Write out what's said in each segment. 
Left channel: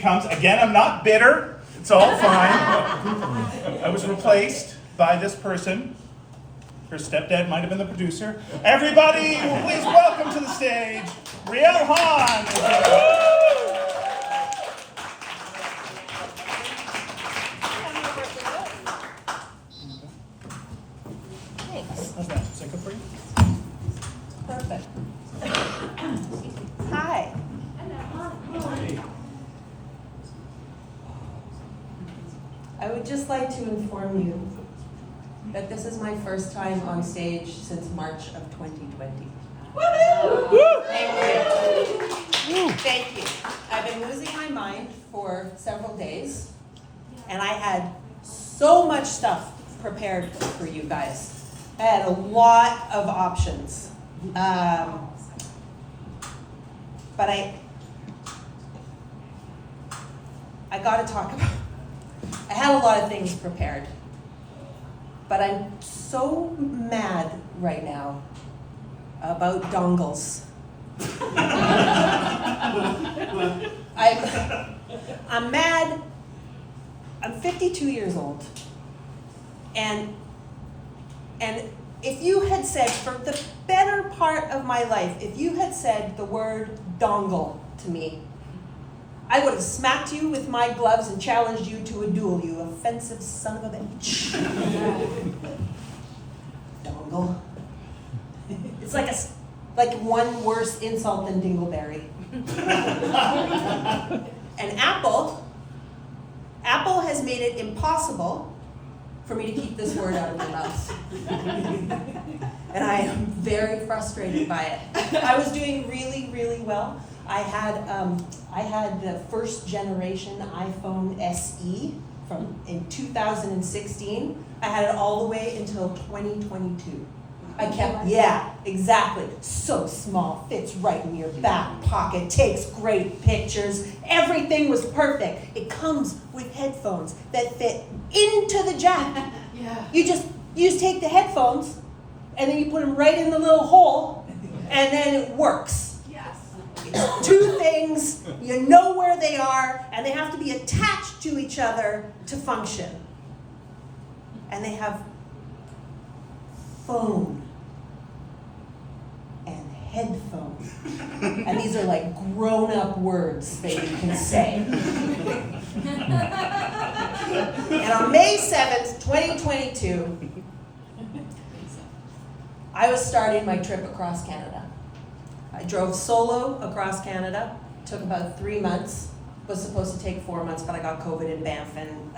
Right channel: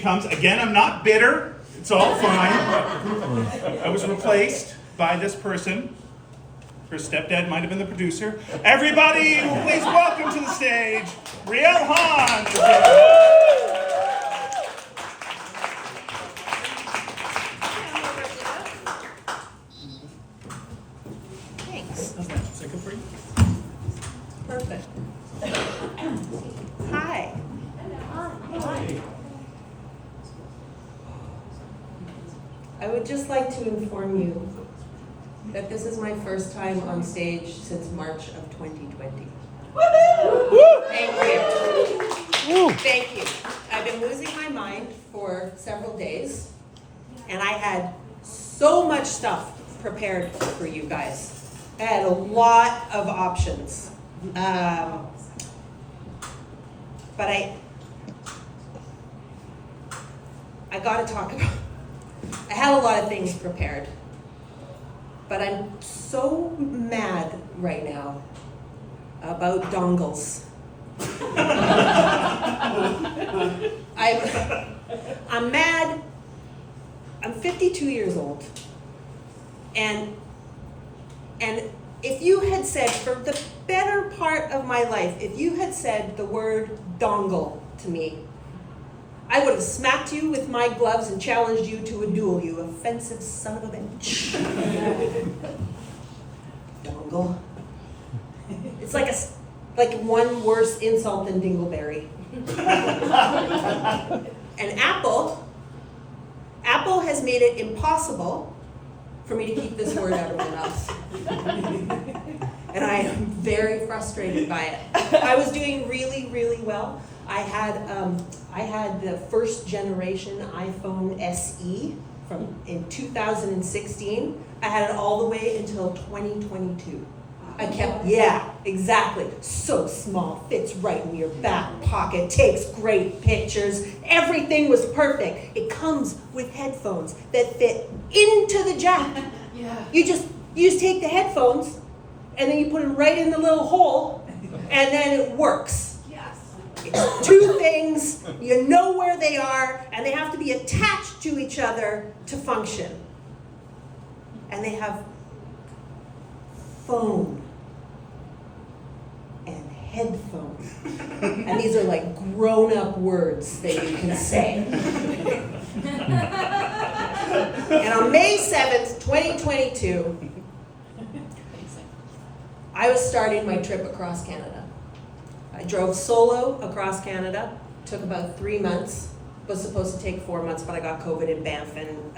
she comes. Again, I'm not bitter. It's all fine. I was replaced by this person. Her stepdad might have been the producer. Everybody, please welcome to the stage, Riel Hahn. Thanks. How's that? Is that good for you? Perfect. Hi. I would just like to inform you that this is my first time on stage since March of 2020. Thank you. Thank you. I've been losing my mind for several days, and I had so much stuff prepared for you guys. I had a lot of options. But I gotta talk about, I had a lot of things prepared, but I'm so mad right now about dongles. I'm mad. I'm 52 years old, and if you had said, for the better part of my life, if you had said the word dongle to me, I would have smacked you with my gloves and challenged you to a duel, you offensive son of a bitch. Dongle. It's like one worse insult than dingleberry. And Apple has made it impossible for me to keep this word out of my mouth. And I am very frustrated by it. I was doing really, really well. I had the first generation iPhone SE in 2016. I had it all the way until 2022. Yeah, exactly. So small, fits right in your back pocket, takes great pictures. Everything was perfect. It comes with headphones that fit into the jack. Yeah. You just take the headphones and then you put them right in the little hole, and then it works. Yes. It's two things, you know where they are, and they have to be attached to each other to function. And they have phone and headphones. And these are like grown-up words that you can say. And on May 7th, 2022, I was starting my trip across Canada. I drove solo across Canada, took about 3 months, was supposed to take 4 months, but I got COVID in Banff, and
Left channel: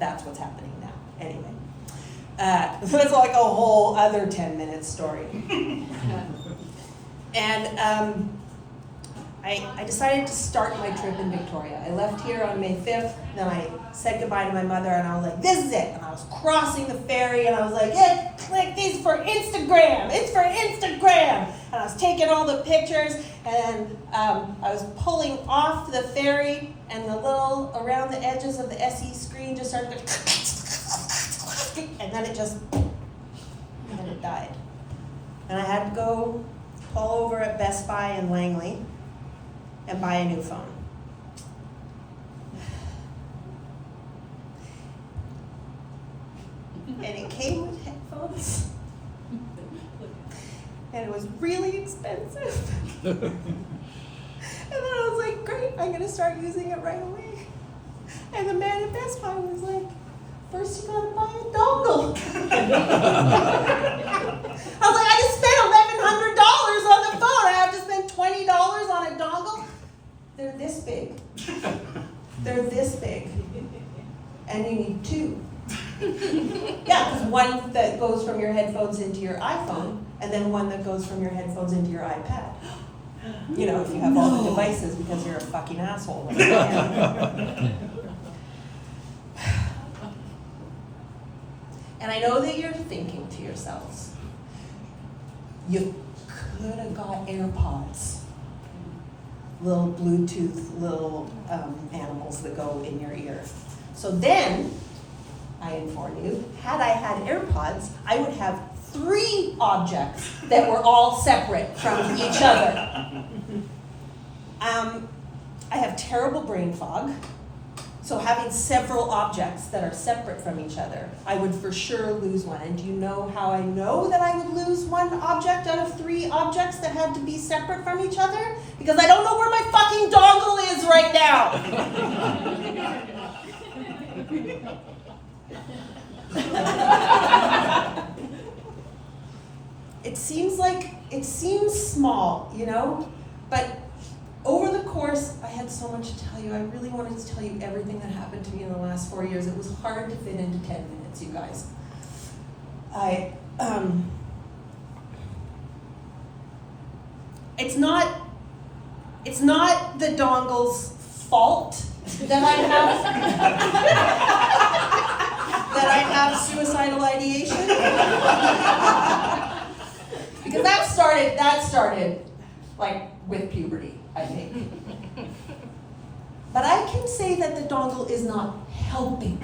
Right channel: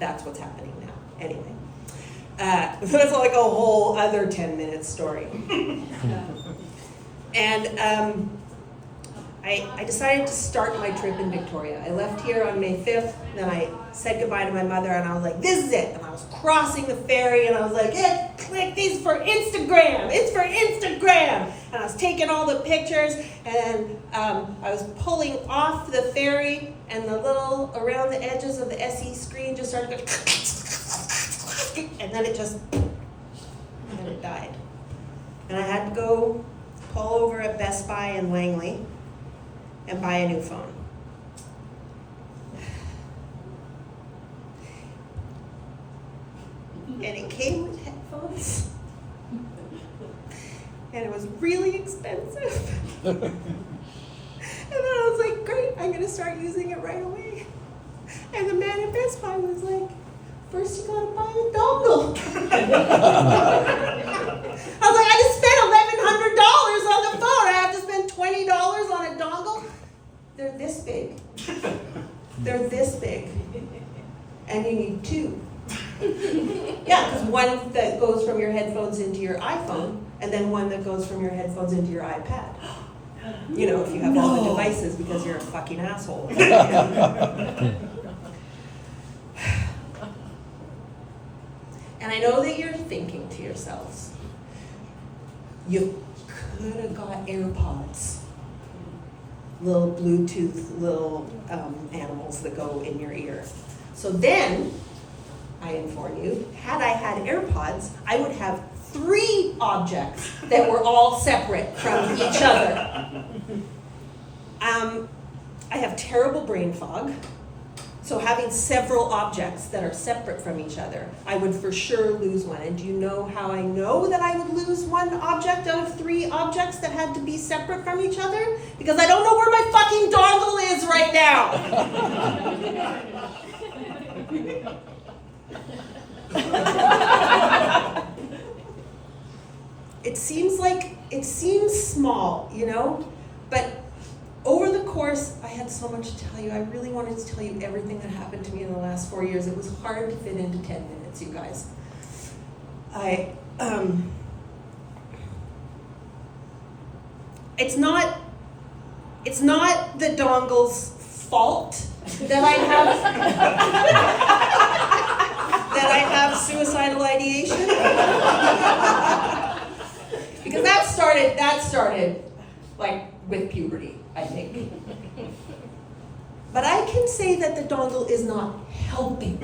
that's what's happening now. Anyway, that's like a whole other 10-minute story. And I decided to start my trip in Victoria. I left here on May 5th, then I said goodbye to my mother, and I was like, this is it. And I was crossing the ferry, and I was like, yeah, click these for Instagram. It's for Instagram. And I was taking all the pictures, and I was pulling off the ferry, and the little, around the edges of the SE screen just started going, and then it died. And I had to go pull over at Best Buy in Langley and buy a new phone. And it came with headphones. And it was really expensive. And then I was like, great, I'm gonna start using it right away. And the man at Best Buy was like, first you gotta buy a dongle. I was like, I just spent $1,100 on the phone. I have to spend $20 on a dongle? They're this big. They're this big. And you need two. Yeah, because one that goes from your headphones into your iPhone, and then one that goes from your headphones into your iPad. You know, if you have all the devices because you're a fucking asshole. And I know that you're thinking to yourselves, you could have got AirPods. Little Bluetooth, little animals that go in your ear. So then, I inform you, had I had AirPods, I would have 3 objects that were all separate from each other. I have terrible brain fog. So having several objects that are separate from each other, I would for sure lose one. And do you know how I know that I would lose one object out of 3 objects that had to be separate from each other? Because I don't know where my fucking dongle is right now. It seems small, you know, but over the course, I had so much to tell you. I really wanted to tell you everything that happened to me in the last 4 years. It was hard to fit into 10 minutes, you guys. It's not the dongle's fault that I have suicidal ideation. Because that started like with puberty, I think. But I can say that the dongle is not helping.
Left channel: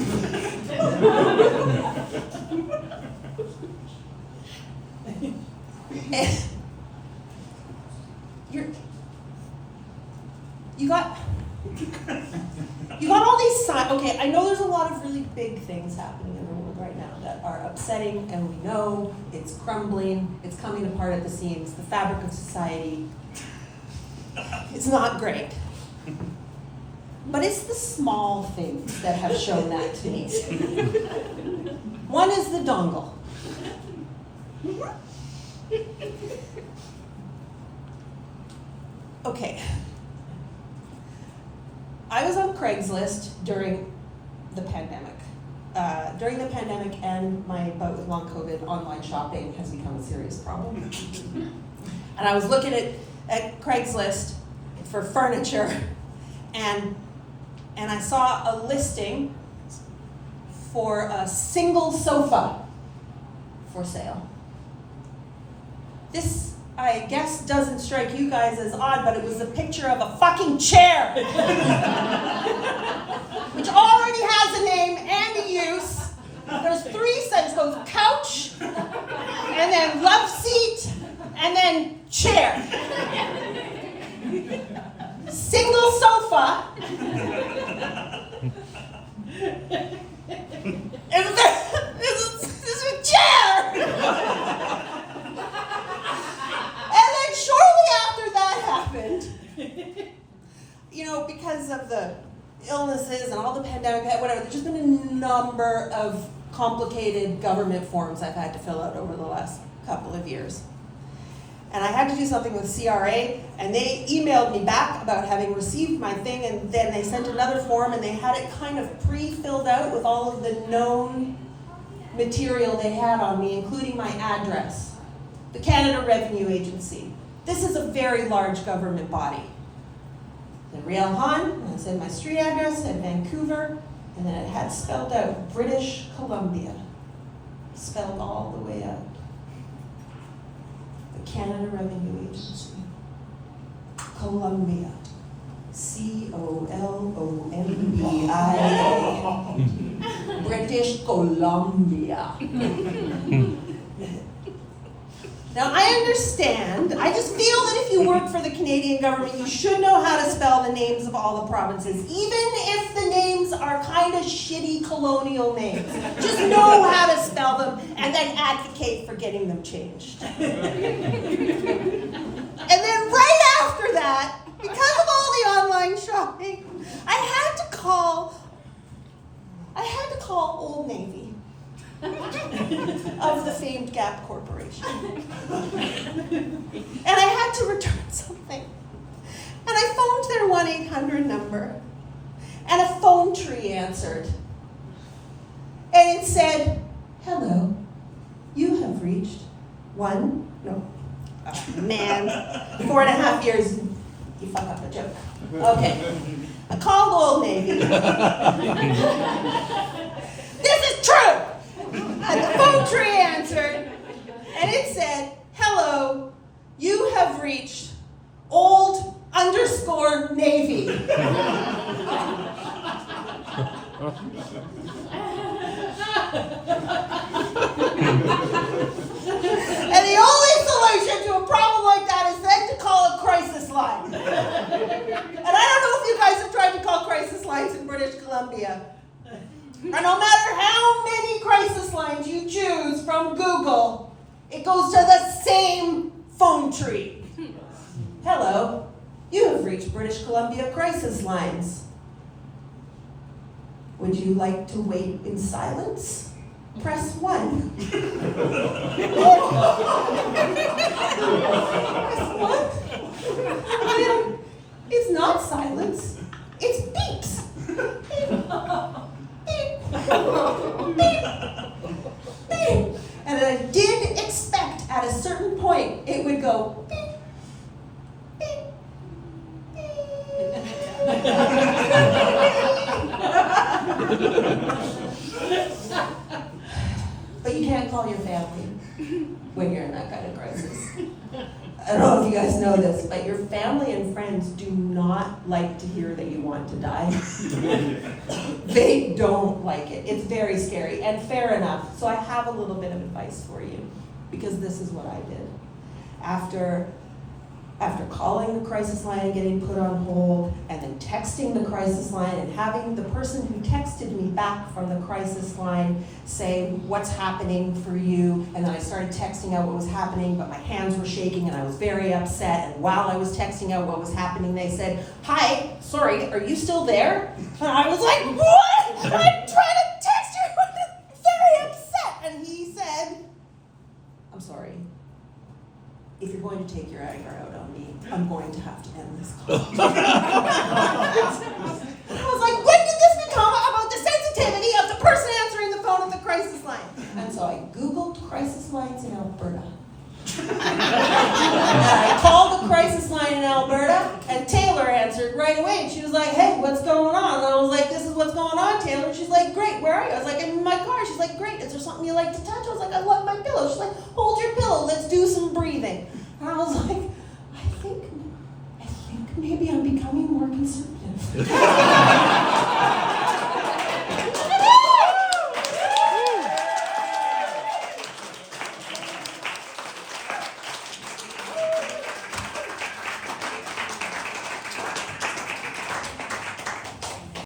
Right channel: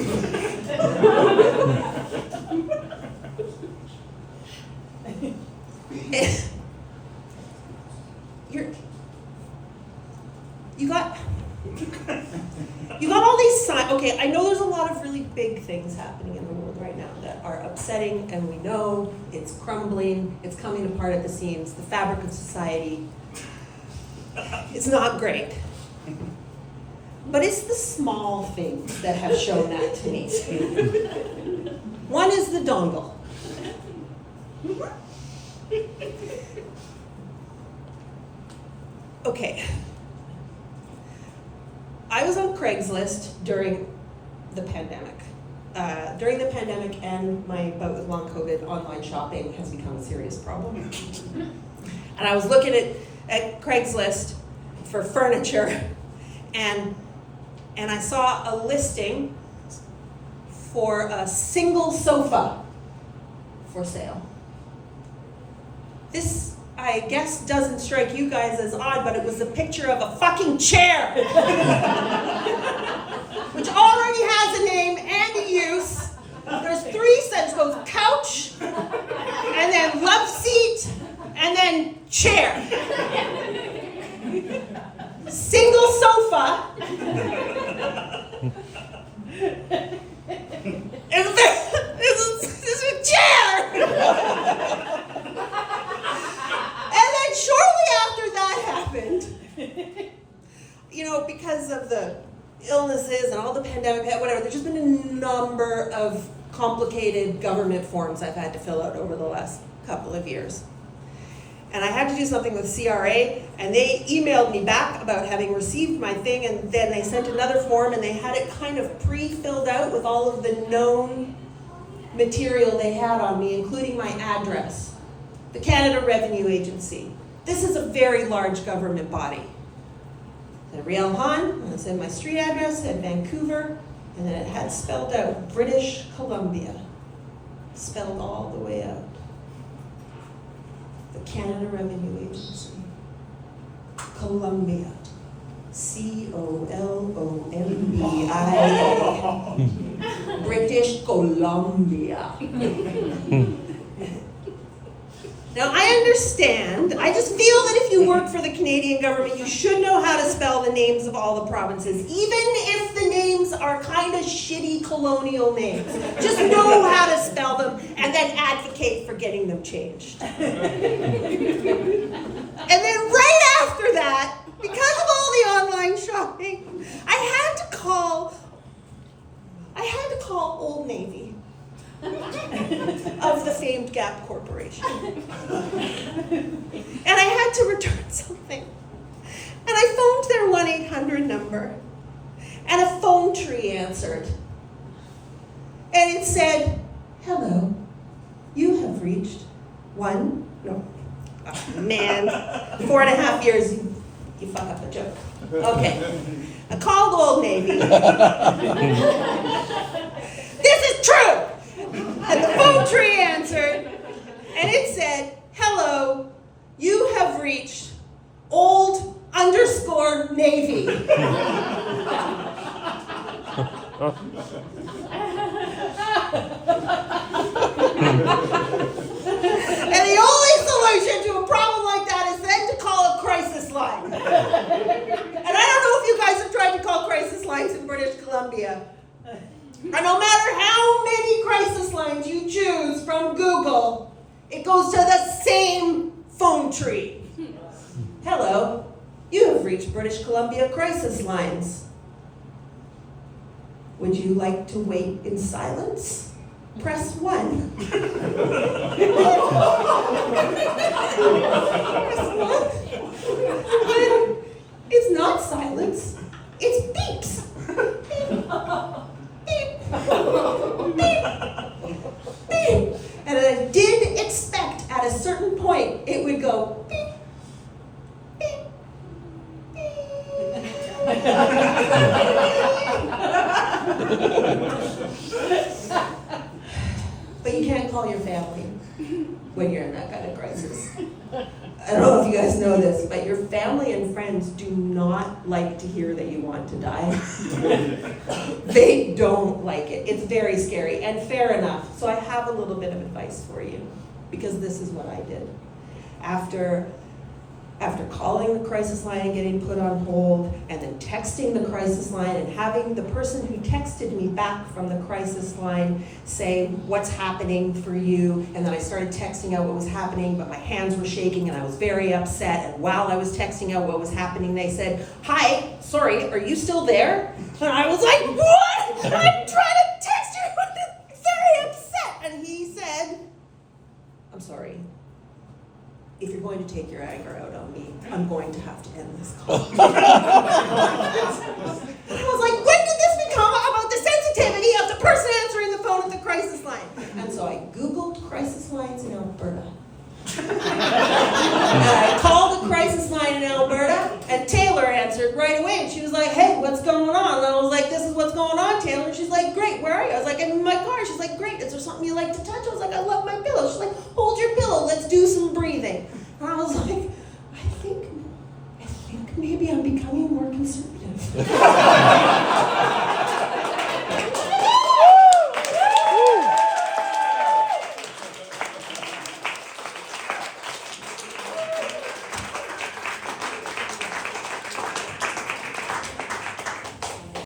You got all these signs. Okay, I know there's a lot of really big things happening in the world right now that are upsetting, and we know it's crumbling, it's coming apart at the seams, the fabric of society. It's not great. But it's the small things that have shown that to me. One is the dongle. Okay. I was on Craigslist during the pandemic. During the pandemic and my bout with long COVID, online shopping has become a serious problem. And I was looking at Craigslist for furniture, and I saw a listing for a single sofa for sale. This, I guess, doesn't strike you guys as odd, but it was a picture of a fucking chair, which already has a name and a use. There's 3 cents, goes couch, and then love seat, and then chair. Single sofa. It's a chair. And then shortly after that happened, you know, because of the illnesses and all the pandemic, whatever, there's just been a number of complicated government forms I've had to fill out over the last couple of years. And I had to do something with CRA, and they emailed me back about having received my thing, and then they sent another form, and they had it kind of pre-filled out with all of the known material they had on me, including my address, the Canada Revenue Agency. This is a very large government body. The Riel Hahn, I said my street address in Vancouver, and then it had spelled out British Columbia, spelled all the way out. The Canada Revenue Agency. Columbia. C-O-L-O-M-B-I-A. British Columbia. Now, I understand. I just feel that if you work for the Canadian government, you should know how to spell the names of all the provinces, even if the names are kind of shitty colonial names. Just know how to spell them and then advocate for getting them changed. And then right after that, because of all the online shopping, I had to call Old Navy of the famed Gap Corporation. And I had to return something. And I phoned their 1-800 number, and a phone tree answered. And it said, "Hello, you have reached 4.5 years, you fuck up a joke. Okay, I called Old Navy. This is true! And the phone tree answered, and it said, "Hello, you have reached old_Navy." And the only solution to a problem like that is then to call a crisis line. And I don't know if you guys have tried to call crisis lines in British Columbia. And no matter how many crisis lines you choose from Google, it goes to the same phone tree. Hello, you have reached British Columbia crisis lines. Would you like to wait in silence? Press 1. It's not silence, it's beeps. Beep. Beep. Beep. And I did expect at a certain point it would go beep. Beep. But you can't call your family when you're in that kind of crisis. I don't know if you guys know this, but your family and friends do not like to hear that you want to die. They don't like it. It's very scary, and fair enough. So I have a little bit of advice for you, because this is what I did. After calling the crisis line and getting put on hold, and then texting the crisis line and having the person who texted me back from the crisis line say, what's happening for you? And then I started texting out what was happening, but my hands were shaking and I was very upset. And while I was texting out what was happening, they said, hi, sorry, are you still there? And I was like, what? I'm trying to text you, I'm very upset. And he said, I'm sorry. If you're going to take your anger out on me, I'm going to have to end this call. I was like, when did this become about the sensitivity of the person answering the phone at the crisis line? And so I Googled crisis lines in Alberta. And I called the crisis line in Alberta, and Taylor answered right away. And she was like, hey, what's going on? And I was like, this is what's going on, Taylor. And she's like, great, where are you? I was like, I'm in my car. She's like, great, is there something you like to touch? I was like, I love my pillow. She's like, hold your pillow, let's do some breathing. And I was like,